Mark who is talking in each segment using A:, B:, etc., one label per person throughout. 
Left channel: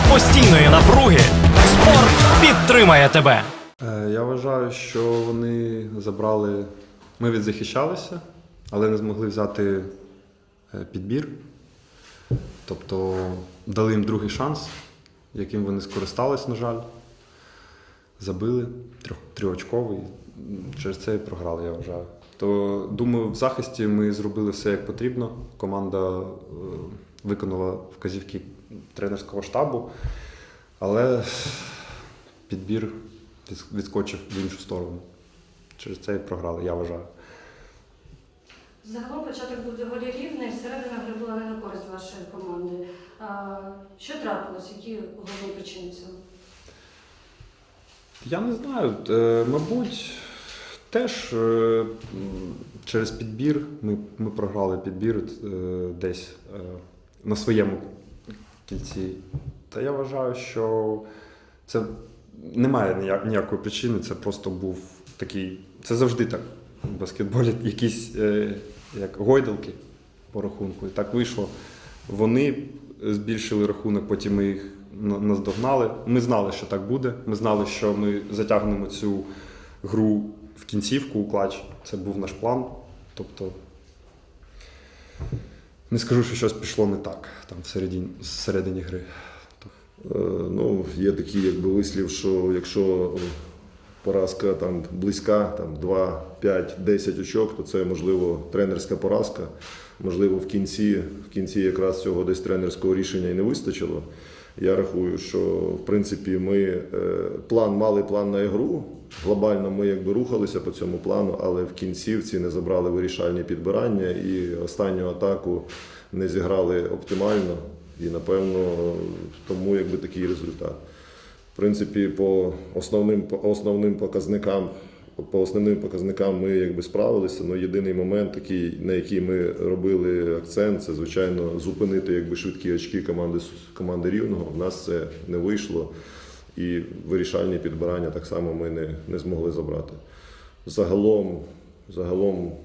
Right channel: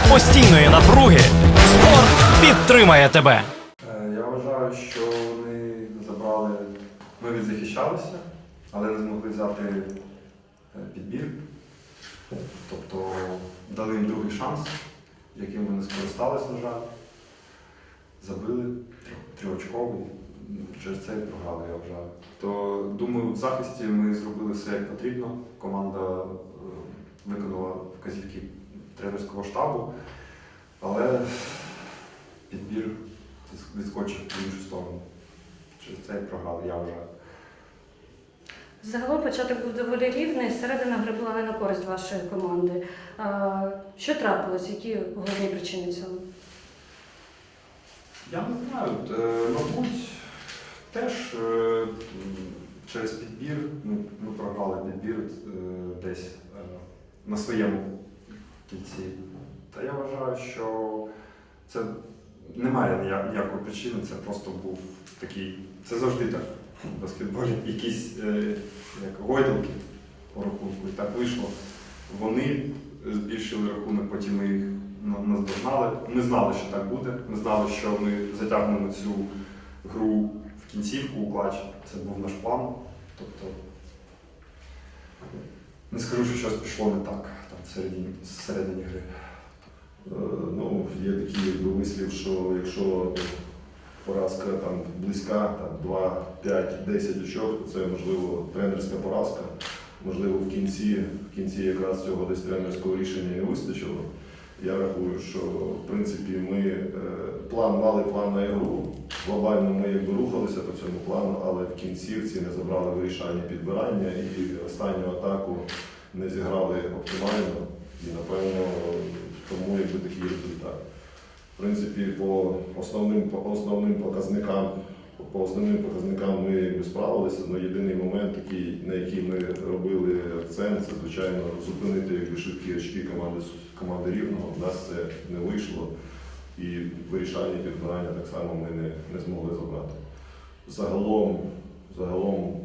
A: серед постійної напруги спорт підтримає тебе.
B: Е, Я вважаю, що вони забрали. Ми відзахищалися, але не змогли взяти е, підбір. Тобто дали їм другий шанс, яким вони скористались, на жаль. Забили трьох- трьохочковий. Через це і програли, я вважаю. То думаю, в захисті ми зробили все як потрібно. Команда е, виконала вказівки тренерського штабу, але підбір відскочив в іншу сторону. Через це і програли, я вважаю.
C: Загалом початок був доволі рівний, середина гри була не на користь вашої команди. А, Що трапилось? Які головні причини цього?
B: Я не знаю. е, Мабуть, теж е, через підбір ми, ми програли підбір е, десь на своєму кільці. Та я вважаю, що це немає ніяк- ніякої причини, це просто був такий. Це завжди так. В баскетболі якісь е, як гойдалки по рахунку. І так вийшло. Вони збільшили рахунок, потім ми їх наздогнали. Ми знали, що так буде. Ми знали, що ми затягнемо цю гру в кінцівку у клач. Це був наш план. Тобто, не скажу, що щось пішло не так там всередині, всередині гри.
D: Е, Ну, є такий вислів, що якщо поразка там близька, там 2, 5, 10 очок, то це можливо тренерська поразка. Можливо, в кінці, в кінці якраз цього десь тренерського рішення і не вистачило. Я рахую, що в принципі ми е, план мали план на ігру. Глобально ми якби рухалися по цьому плану, але в кінцівці не забрали вирішальні підбирання і останню атаку не зіграли оптимально. І напевно тому якби такий результат. В принципі, по основним по основним показникам, по основним показникам ми якби справилися. але єдиний момент, такий, на який ми робили акцент, це звичайно зупинити якби швидкі очки команди команди рівного. У нас це не вийшло, і вирішальні підбирання так само ми не, не змогли забрати. Загалом, загалом,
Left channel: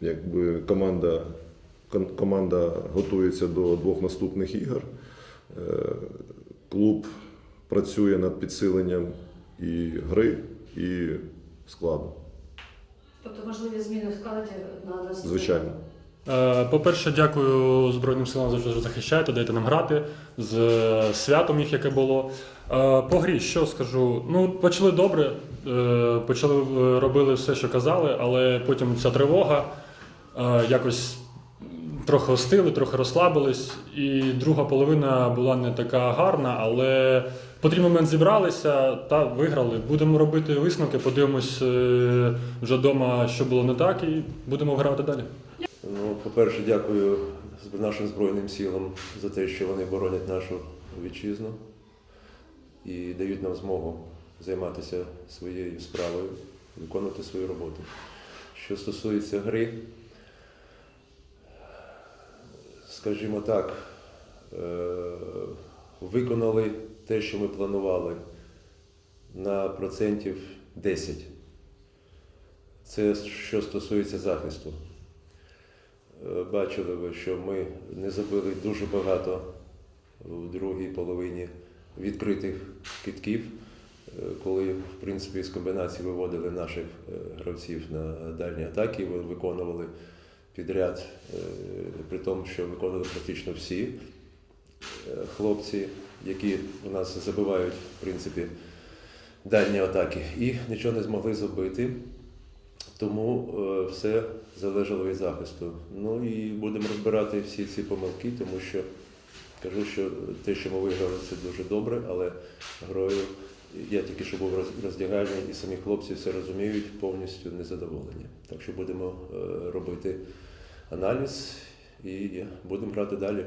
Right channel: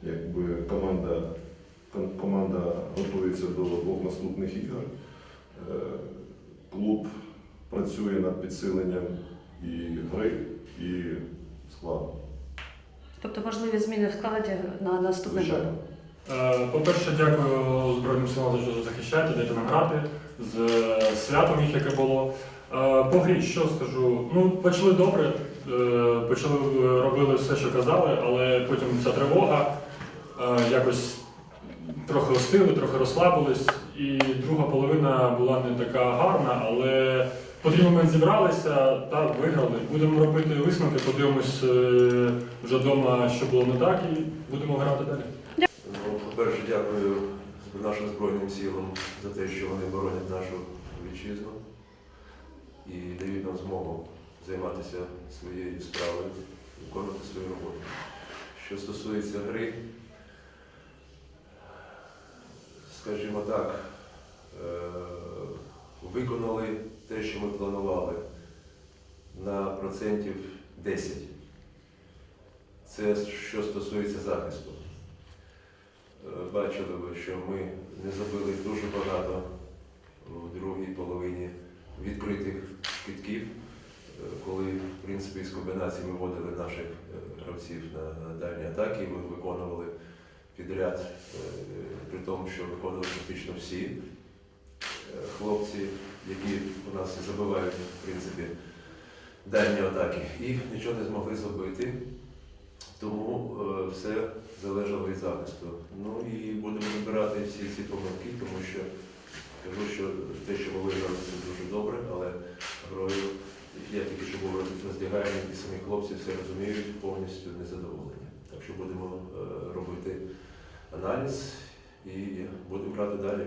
D: якби команда, команда готується до двох наступних ігор. Е, Клуб працює над підсиленням і гри, і складу.
C: Тобто можливі зміни в складі на наступний
D: Звичайно.
E: Е, По-перше, дякую Збройним силам за те, що захищаєте, даєте нам грати з е, святом їх, яке було. Е, По грі, що скажу? Ну, почали добре, е, почали робили все, що казали, але потім ця тривога е, якось трохи остили, трохи розслабились. І друга половина була не така гарна, але потрібний момент зібралися та виграли. Будемо робити висновки, подивимось е, вже вдома, що було не так, і будемо грати далі.
F: Ну, по-перше, дякую нашим Збройним силам за те, що вони боронять нашу вітчизну і дають нам змогу займатися своєю справою, виконувати свою роботу. Що стосується гри, скажімо так, е, виконали те, що ми планували на процентів 10. Це що стосується захисту. Е, Бачили ви, що ми не забили дуже багато у другій половині відкритих китків, е, коли в принципі з комбінації виводили наших е, гравців на дальні атаки, ви- виконували підряд, при тому, що виконували практично всі хлопці, які у нас забивають в принципі дальні атаки, і нічого не змогли забити. Тому е, все залежало від захисту. Ну і будемо розбирати всі ці помилки, тому що кажу, що те, що ми виграли, це дуже добре, але грою я тільки що був роз- роздягальні, і самі хлопці все розуміють, повністю незадоволені. Так що будемо е, робити аналіз і будемо грати далі.